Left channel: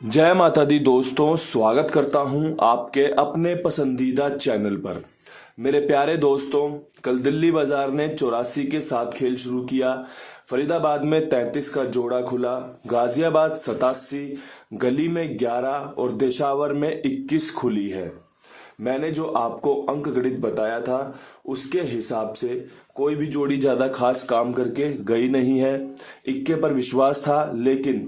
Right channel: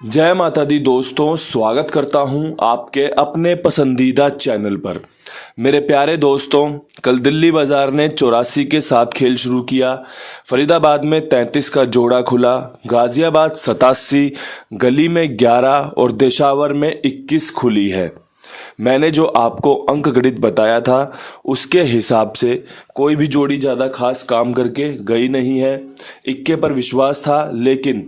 जय माता दी दोस्तों, स्वागत करता हूं आपके अपने पसंदीदा चैनल पर। मेरे प्यारे दोस्तों, कल दिल्ली बाजार ने 84 के साथ खेल शुरू किया। फरीदाबाद में 33 का जोड़ा खुला, गाजियाबाद 87, गली में 11 और देशावर में 21 खुली है। मैंने जो आपको अंक गणित बताया था उसके हिसाब से कोई भी जोड़ी ज़्यादा खास काम करके गई नहीं है। इक्के पर विश्वास था, लेकिन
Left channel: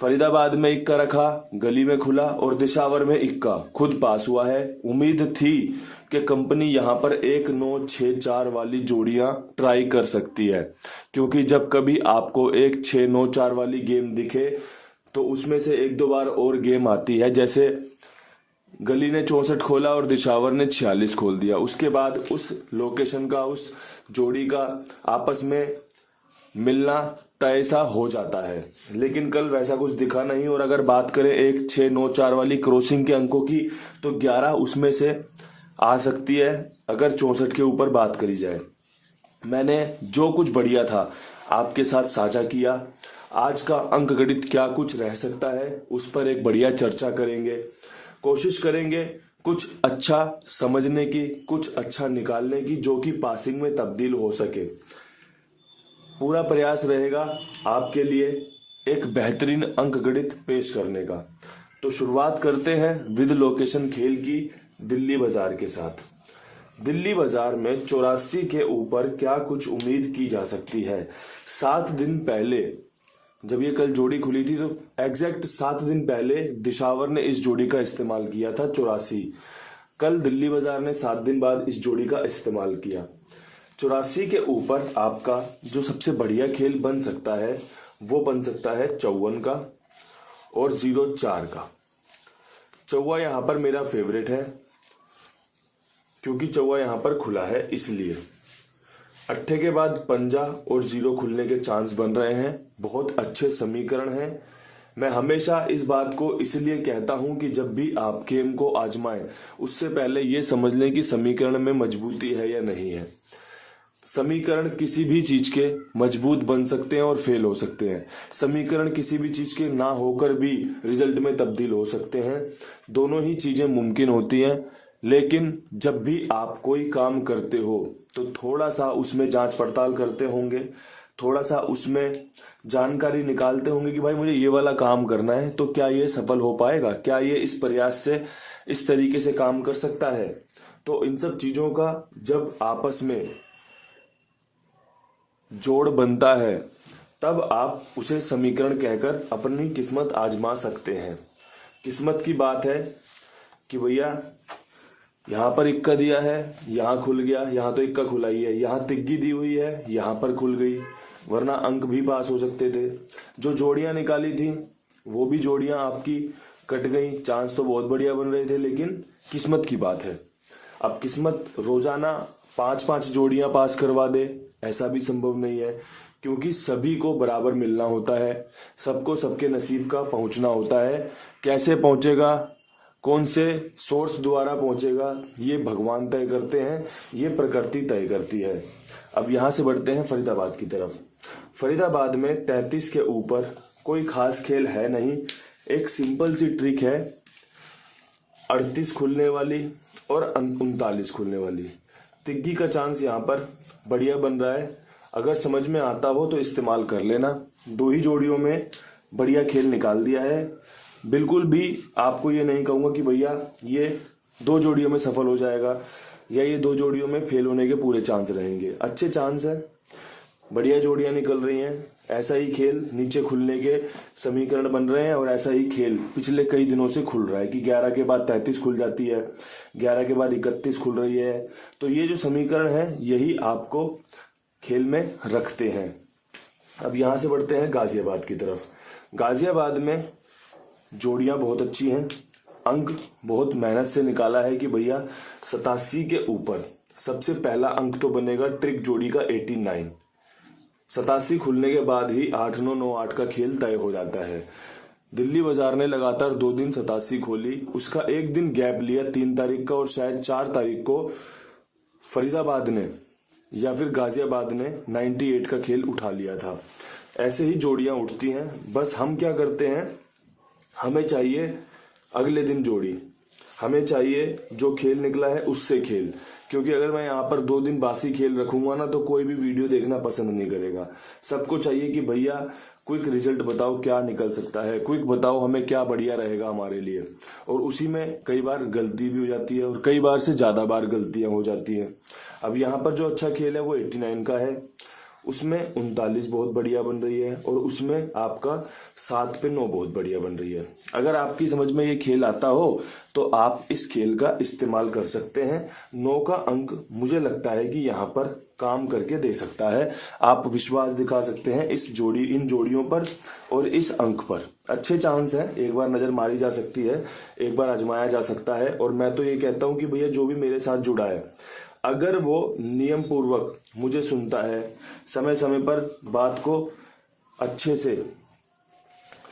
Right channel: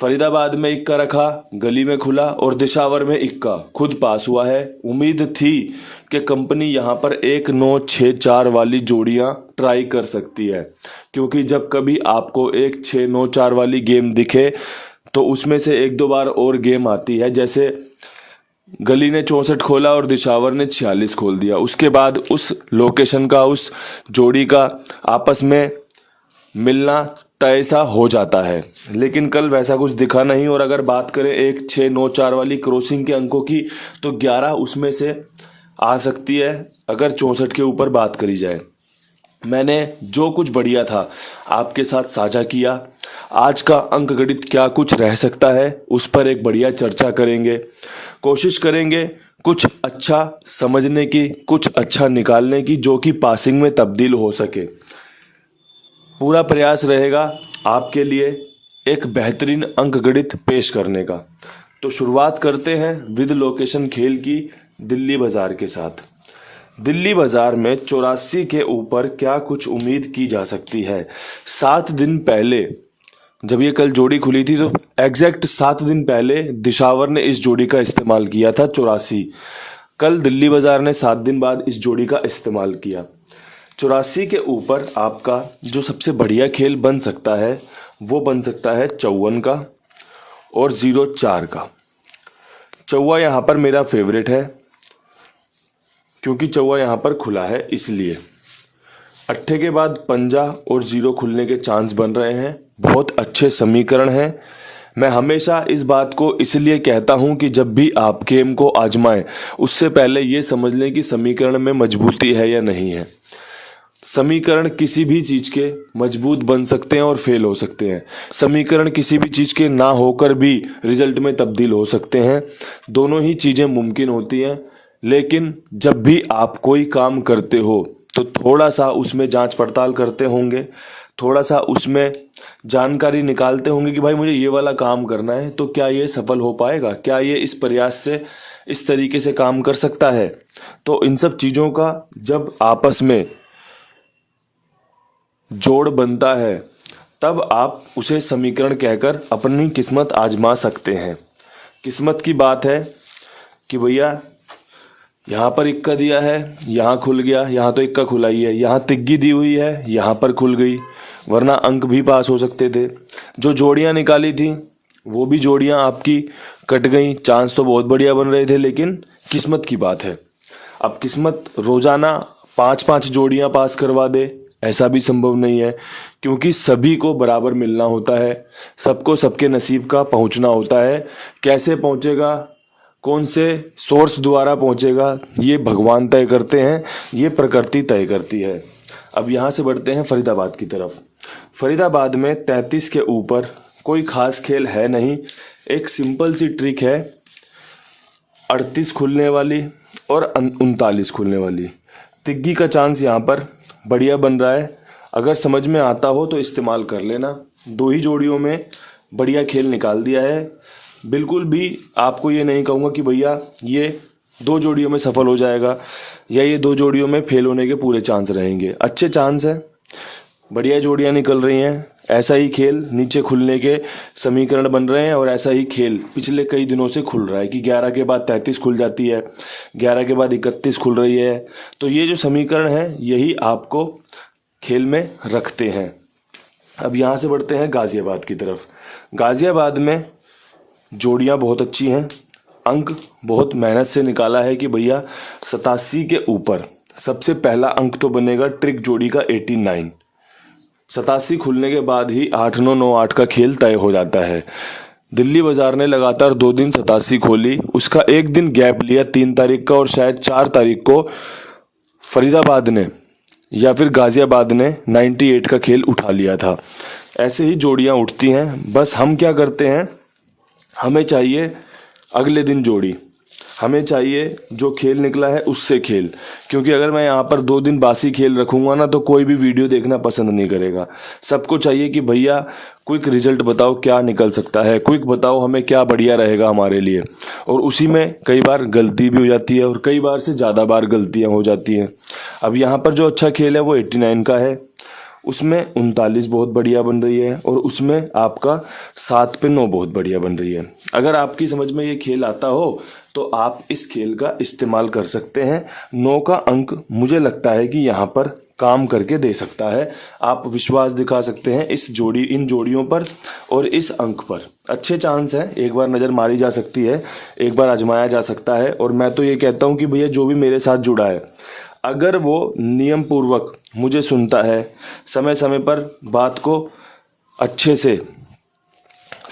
फरीदाबाद में इक्का रखा, गली में खुला और दिशावर में इक्का खुद पास हुआ है। उम्मीद थी कि कंपनी यहाँ पर 1-9-6-4 वाली जोड़ियाँ ट्राई कर सकती है, क्योंकि जब कभी आपको 1-6-9-4 वाली गेम दिखे तो उसमें से एक दो बार और गेम आती है। जैसे गली ने 64 खोला और दिशावर ने 46 खोल दिया, उसके बाद उस लोकेशन का, उस जोड़ी का आपस में मिलना तय सा हो जाता है। लेकिन कल वैसा कुछ दिखा नहीं। और अगर बात करें 1-6-9-4 वाली क्रॉसिंग के अंकों की, तो 11 उसमें से आ सकती है अगर 64 के ऊपर बात करी जाए। मैंने जो कुछ बढ़िया था आपके साथ साझा किया। आज का अंक गणित क्या कुछ रह सकता है, उस पर एक बढ़िया चर्चा करेंगे। कोशिश करेंगे कुछ अच्छा समझने की, कुछ अच्छा निकालने की, जो कि पासिंग में तब्दील हो सके। पूरा प्रयास रहेगा आपके लिए एक बेहतरीन अंक गणित पेश करने का। तो शुरुआत करते हैं विद लोकेशन खेल की दिल्ली बाजार के साथ। दिल्ली बाजार में 84 के ऊपर क्या कुछ उम्मीद की जा सकती है। 7 दिन पहले जब ये कल जोड़ी खुली थी तो एग्जैक्ट 7 दिन पहले दिशावर ने इस जोड़ी का इस्तेमाल किया था 84। कल दिल्ली बाजार ने 7 दिन बाद इस जोड़ी का इस्तेमाल किया। 84 के ऊपर आपका जो सबसे बढ़िया खेल बन सकता है वो बन सकता है 54 का और 04 का। चौवा यहाँ पर मेरा फेवरेट है, क्योंकि चौवा यहाँ पर खुला है इसलिए। अट्ठे के बाद पंजा और 0 खुलने के चांस बन रहे हैं। बहुत अच्छे समीकरण हैं। मैं हमेशा इस बात को इसलिए कहता हूं कि जब भी आप गेम को आजमाएं उससे पहले ये समझ लें कि समीकरण में मजबूती है या नहीं है। समीकरण किसी भी चीज के मजबूत बन सकते हैं और फेल हो सकते हैं। समीकरण किसी भी चीज के ना होकर भी रिजल्ट में तब्दील हो सकते हैं। दोनों ही चीजें मुमकिन होती हैं। लेकिन जब भी आप कोई काम करते हो तो थोड़ा सा उसमें जांच पड़ताल करते होंगे, थोड़ा सा उसमें जानकारी निकालते होंगे कि भाई मुझे ये वाला काम करना है, तो क्या ये सफल हो पाएगा, क्या ये इस प्रयास से इस तरीके से काम कर सकता है। तो इन सब चीज़ों का जब आपस में जोड़ बनता है तब आप उसे समीकरण कहकर अपनी किस्मत आजमा सकते हैं। किस्मत की बात है कि भैया यहाँ पर इक्का दिया है, यहाँ खुल गया, यहाँ तो इक्का खुला ही है, यहाँ तिग्गी दी हुई है, यहाँ पर खुल गई, वरना अंक भी पास हो सकते थे। जो जोड़ियाँ निकाली थी वो भी जोड़ियाँ आपकी कट गई। चांस तो बहुत बढ़िया बन रहे थे, लेकिन किस्मत की बात है। अब किस्मत रोजाना 5-5 जोड़ियाँ पास करवा दे ऐसा भी संभव नहीं है, क्योंकि सभी को बराबर मिलना होता है, सबको सबके नसीब का पहुंचना होता है। कैसे पहुंचेगा, कौन से सोर्स द्वारा पहुंचेगा, ये भगवान तय करते हैं, ये प्रकृति तय करती है। अब यहाँ से बढ़ते हैं फरीदाबाद की तरफ। फरीदाबाद में 33 के ऊपर कोई खास खेल है नहीं। एक सिंपल सी ट्रिक है, 38 खुलने वाली और 39 खुलने वाली। तिग्गी का चांस यहाँ पर बढ़िया बन रहा है। अगर समझ में आता हो तो इस्तेमाल कर लेना। 2 ही जोड़ियों में बढ़िया खेल निकाल दिया है। बिल्कुल भी आपको ये नहीं कहूँगा कि भैया ये 2 जोड़ियों में सफल हो जाएगा या ये 2 जोड़ियों में फेल होने के पूरे चांस रहेंगे। अच्छे चांस है, बढ़िया जोड़ियाँ निकल रही हैं। ऐसा ही खेल नीचे खुलने के समीकरण बन रहे हैं और ऐसा ही खेल पिछले कई दिनों से खुल रहा है कि 11 के बाद 33 खुल जाती है, 11 के बाद 31 खुल रही है। तो ये जो समीकरण है यही आपको खेल में रखते हैं। अब यहाँ से बढ़ते हैं गाजियाबाद की तरफ। गाजियाबाद में जोड़ियाँ बहुत अच्छी हैं। अंक बहुत मेहनत से निकाला है कि भैया 87 के ऊपर सबसे पहला अंक तो बनेगा ट्रिक जोड़ी का 89। 87 खुलने के बाद ही 8-9-9-8 का खेल तय हो जाता है। दिल्ली बाजार ने लगातार 2 दिन 87 खोली, उसका एक दिन गैप लिया 3 तारीख का, और शायद 4 तारीख को फरीदाबाद ने या फिर गाजियाबाद ने 98 का खेल उठा लिया था। ऐसे ही जोड़ियां उठती हैं। बस हम क्या करते हैं, हमें चाहिए अगले दिन जोड़ी, हमें चाहिए जो खेल निकला है उससे खेल, क्योंकि अगर मैं यहाँ पर 2 दिन बासी खेल रखूँगा ना तो कोई भी वीडियो देखना पसंद नहीं करेगा। सबको चाहिए कि भैया क्विक रिजल्ट बताओ क्या निकल सकता है, क्विक बताओ हमें क्या बढ़िया रहेगा हमारे लिए। और उसी में कई बार गलती भी हो जाती है और कई बार से ज़्यादा बार गलतियाँ हो जाती हैं। अब यहाँ पर जो अच्छा खेल है वो 89 का है, उसमें 39 बहुत बढ़िया बन रही है और उसमें आपका 7 पे 9 बहुत बढ़िया बन रही है। अगर आपकी समझ में ये खेल आता हो तो आप इस खेल का इस्तेमाल कर सकते हैं। 9 का अंक मुझे लगता है कि यहाँ पर काम करके दे सकता है। आप विश्वास दिखा सकते हैं इन जोड़ियों पर और इस अंक पर। अच्छे चांस हैं, एक बार नज़र मारी जा सकती है, एक बार आजमाया जा सकता है। और मैं तो ये कहता हूँ कि भैया जो भी मेरे साथ जुड़ा है, अगर वो नियम पूर्वक मुझे सुनता है, समय समय पर बात को अच्छे से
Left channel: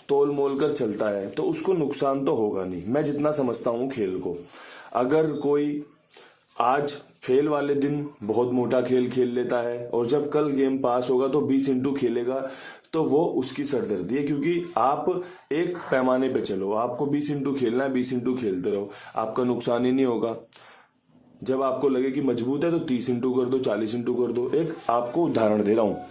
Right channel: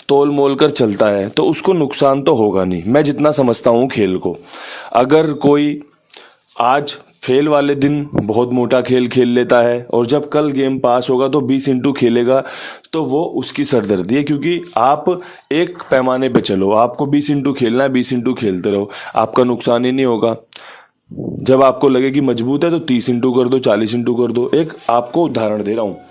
तोल मोल कर चलता है, तो उसको नुकसान तो होगा नहीं। मैं जितना समझता हूँ खेल को, अगर कोई आज फेल वाले दिन बहुत मोटा खेल खेल लेता है और जब कल गेम पास होगा तो 20 इंटू खेलेगा, तो वो उसकी सरदर्दी है। क्योंकि आप एक पैमाने पे चलो, आपको 20 इंटू खेलना है, 20 इंटू खेलते रहो, आपका नुकसान ही नहीं होगा। जब आपको लगे कि मजबूत है तो 30 इंटू कर दो, 40 इंटू कर दो। एक आपको उदाहरण दे रहा हूँ,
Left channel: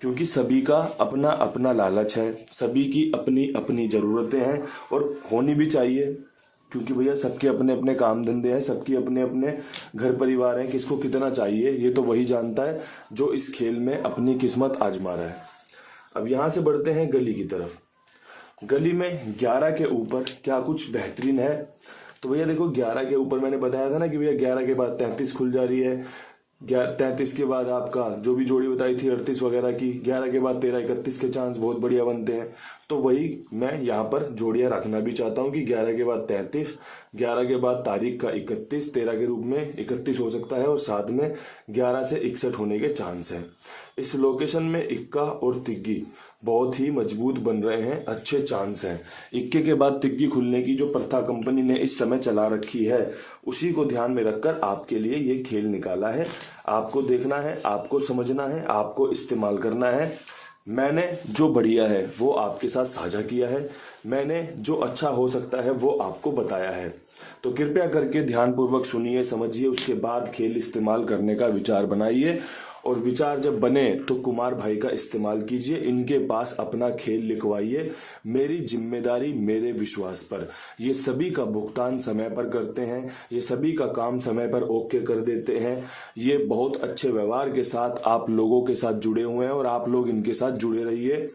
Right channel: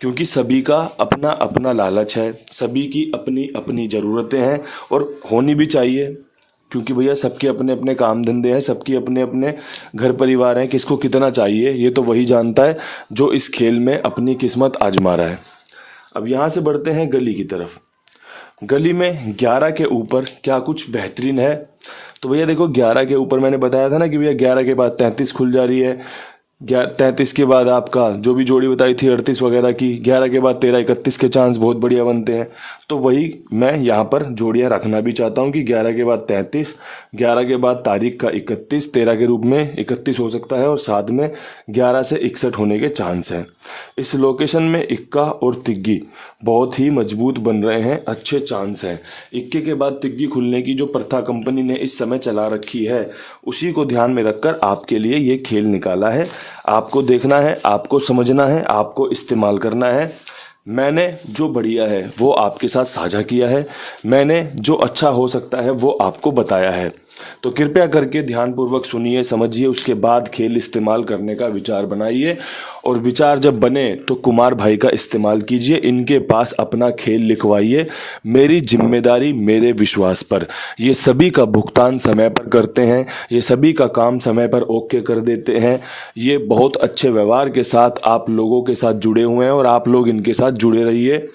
क्योंकि सभी का अपना अपना लालच है, सभी की अपनी अपनी ज़रूरतें हैं और होनी भी चाहिए। क्योंकि भैया सबके अपने अपने काम धंधे हैं, सबके अपने अपने घर परिवार हैं, किसको कितना चाहिए ये तो वही जानता है जो इस खेल में अपनी किस्मत आजमा रहा है। अब यहाँ से बढ़ते हैं गली की तरफ। गली में 11 के ऊपर क्या कुछ बेहतरीन है? तो भैया देखो, 11 के ऊपर मैंने बताया था ना कि भैया 11 के बाद 33 खुल जा रही है, 33 के बाद आपका जो भी जोड़ी बताई थी 38 वगैरह की, 11 के बाद 13 31 के चांस बहुत बढ़िया बनते हैं। तो वही मैं यहाँ पर जोड़ियाँ रखना भी चाहता हूँ कि 11 के बाद 33, 11 के बाद तारीख का 31, 13 के रूप में 31 हो सकता है और साथ में 11 से 61 होने के चांस हैं। इस लोकेशन में इक्का और तिग्गी बहुत ही मजबूत बन रहे हैं, अच्छे चांस हैं। इक्के के बाद तिग्गी खुलने की जो प्रथा कंपनी ने इस समय चला रखी है, उसी को ध्यान में रखकर आपके लिए ये खेल निकाला है। आपको देखना है, आपको समझना है, आपको इस्तेमाल करना है। मैंने जो बढ़िया है वो आपके साथ साझा किया है, मैंने जो अच्छा हो सकता है वो आपको बताया है। तो कृपया करके ध्यानपूर्वक सुनिए, समझिए, उसके बाद खेल इस्तेमाल करने का विचार बनाइए। और विचार जब बने तो कुमार भाई का इस्तेमाल कीजिए, इनके पास अपना खेल लिखवाइए। मेरी जिम्मेदारी मेरे विश्वास पर। ये सभी का भुगतान समय पर करते हैं, ये सभी का काम समय पर ओके कर देते हैं। ये बहुत अच्छे व्यवहार के साथ आप लोगों के साथ जुड़े हुए हैं और आप लोग इनके साथ जुड़े रहिए।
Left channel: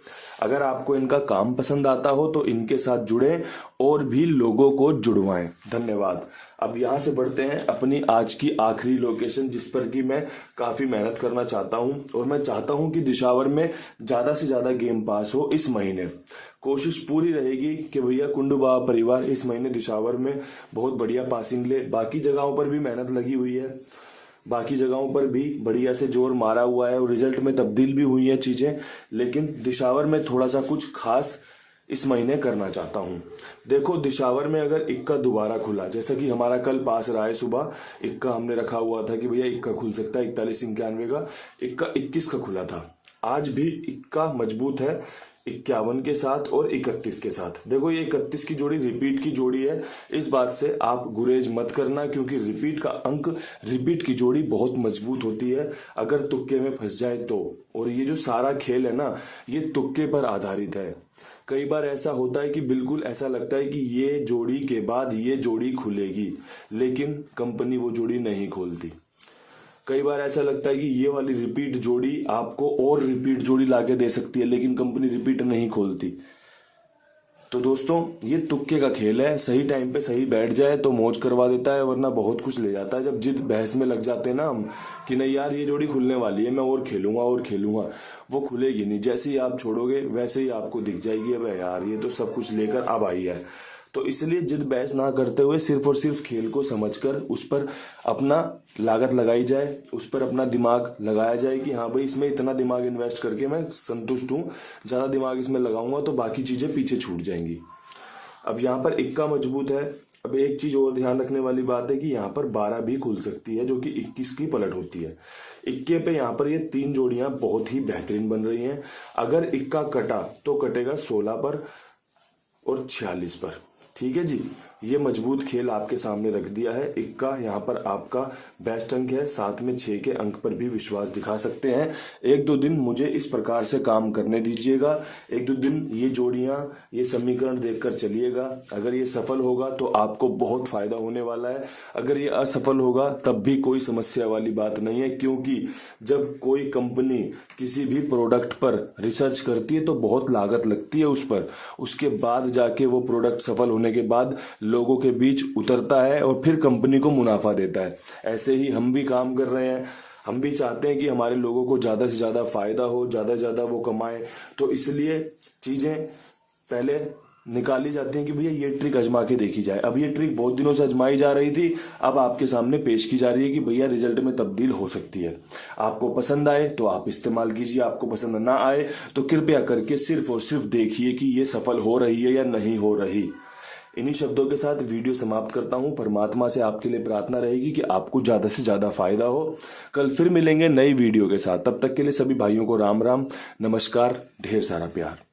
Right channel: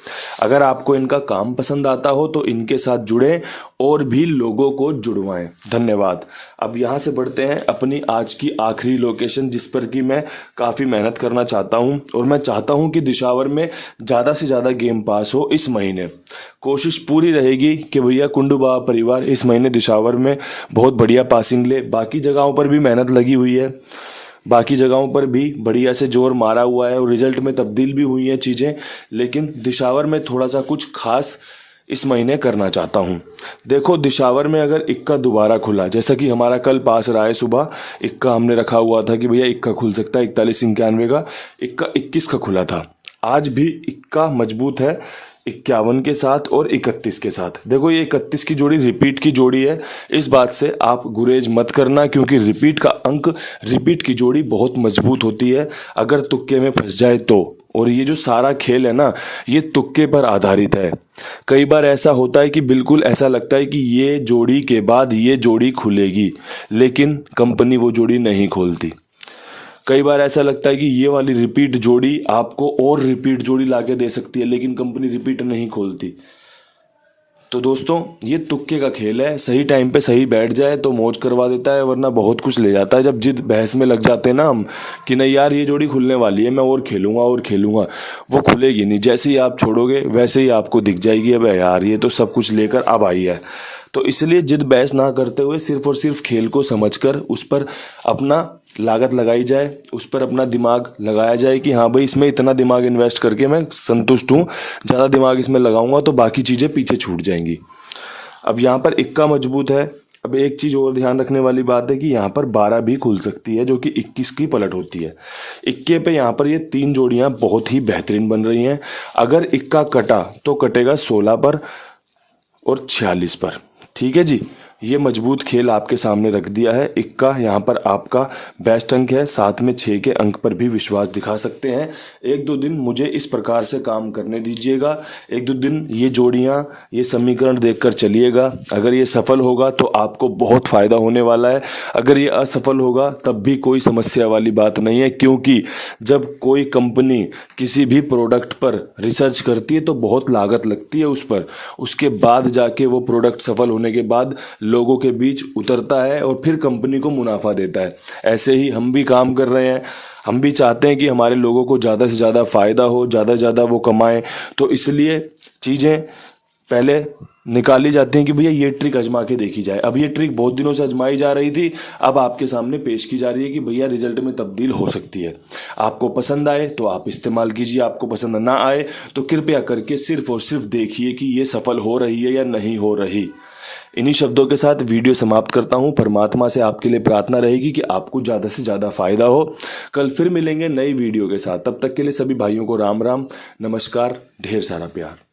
अगर आपको इनका काम पसंद आता हो तो इनके साथ जुड़ें और भी लोगों को जुड़वाएं। धन्यवाद। अब यहाँ से बढ़ते हैं अपनी आज की आखिरी लोकेशन, जिस पर कि मैं काफ़ी मेहनत करना चाहता हूँ और मैं चाहता हूँ कि दिशावर में ज़्यादा से ज़्यादा गेम पास हो इस महीने। कोशिश पूरी रहेगी कि भैया कुंडू बाबा परिवार इस महीने दिशावर में बहुत बढ़िया पासिंग ले। बाकी जगहों पर भी मेहनत लगी हुई है, बाकी जगहों पर भी बढ़िया से जोर मारा हुआ है और रिजल्ट में तब्दील भी हुई हैं चीज़ें, लेकिन दिशावर में थोड़ा सा कुछ खास इस महीने करना चाहता हूँ। देखो, दिशावर में अगर इक्का दोबारा खुला, जैसा कि हमारा कल पास रहा है सुबह, इक्का हमने रखा हुआ था कि भैया इक्का खुल सकता है 41-91 का, इक्का 21 का खुला था। आज भी इक्का मजबूत है 51 के साथ और 31 के साथ। देखो, ये 31 की जोड़ी रिपीट की जोड़ी है, इस बात से आप गुरेज मत करना, क्योंकि रिपीट का अंक, रिपीट की जोड़ी बहुत मजबूत होती है अगर तुक्के में फंस जाए तो। और ये जो सारा खेल है ना, ये तुक्के पर आधारित है। कई बार ऐसा होता है कि बिल्कुल ऐसा लगता है कि ये जोड़ी के बाद ये जोड़ी खुलेगी, लेकिन कंपनी वो जोड़ी नहीं खोलती। कई बार ऐसा लगता है कि ये वाली रिपीट जोड़ी आपको और रिपीट जोड़ी लाके दे सकती है, लेकिन कंपनी रिपीट नहीं खोलती। तो दोस्तों, ये तुक्के का खेल है, सही टाइम पे सही बैठ जाए तो मौज करवा देता है, वरना बहुत कुछ ले जाता है। जब जिद बहस में लग जाते हैं ना हम कि नहीं यार ये जोड़ी खुलने वाली है, मैं और खेलूंगा, वो खुलेगी नहीं। जैसे ही आप छोड़ोगे वैसे ही आपको दिख जाएगी अब यार ये तो सब कुछ लेकर अब आई है। तो इसलिए जिद बहस ना करते हुए सिर्फ और सिर्फ खेल को समझकर उस पर अपना लागत लगाई जाए, उस पर अपना दिमाग लगाया जाए कि हाँ भाई इसमें इतना दिमाग इन्वेस्ट करके मैं संतुष्ट हूँ, ज़्यादा दिमाग इसमें लगाऊंगा तो बाकी चीज़ें पीछे छूट जाएंगी। अब यहाँ पर इक्का मजबूत है। अब एक चीज़ और ध्यान रखने वाली बात है कि यहाँ पर 12 भी खुल सकती है, जो कि 21 की पलट होती है। इक्के पे यहाँ पर ये 3 जोड़ियाँ बहुत ही बेहतरीन बन रही हैं। अगर इक्का कटा तो कटेगा 16 पर, और 46 पर। ठीक है जी, ये मजबूत खेल आपके सामने रख दिया है। इक्का यहाँ पर आपका बेस्ट अंक है, साथ में 6 के अंक पर भी विश्वास दिखा सकते हैं। 1-2 दिन मुझे इस प्रकार से काम करने दीजिएगा। 1-2 दिन ये जोड़ियाँ, ये समीकरण देखकर चलिएगा। अगर ये सफल होगा तो आपको बहुत फ़ायदा होने वाला है। अगर ये असफल होगा तब भी कोई समस्या वाली बात नहीं है, क्योंकि जब कोई कंपनी किसी भी प्रोडक्ट पर रिसर्च करती है तो बहुत लागत लगती है उस पर। उसके बाद जाके वो प्रोडक्ट सफल होने के बाद लोगों के बीच उतरता है और फिर कंपनी को मुनाफा देता है। ऐसे ही हम भी काम कर रहे हैं। हम भी चाहते हैं कि हमारे लोगों को ज़्यादा से ज़्यादा फ़ायदा हो, ज़्यादा से ज़्यादा वो कमाएं। तो इसलिए चीज़ें पहले निकाली जाती हैं कि भैया ये ट्रिक आजमा के देखी जाए। अब ये ट्रिक बहुत दिनों से आजमाई जा रही थी, अब आपके सामने पेश की जा रही है कि भैया रिजल्ट में तब्दील हो सकती है। आपको पसंद आए तो आप इस्तेमाल कीजिए, आपको पसंद ना आए तो कृपया करके सिर्फ और सिर्फ देखिए कि ये सफल हो रही है या नहीं हो रही। इन्हीं शब्दों के साथ वीडियो समाप्त करता हूं। परमात्मा से आपके लिए प्रार्थना रहेगी कि आपको ज़्यादा से ज़्यादा फायदा हो। कल फिर मिलेंगे नई वीडियो के साथ। तब तक के लिए सभी भाइयों को राम राम, नमस्कार, ढेर सारा प्यार।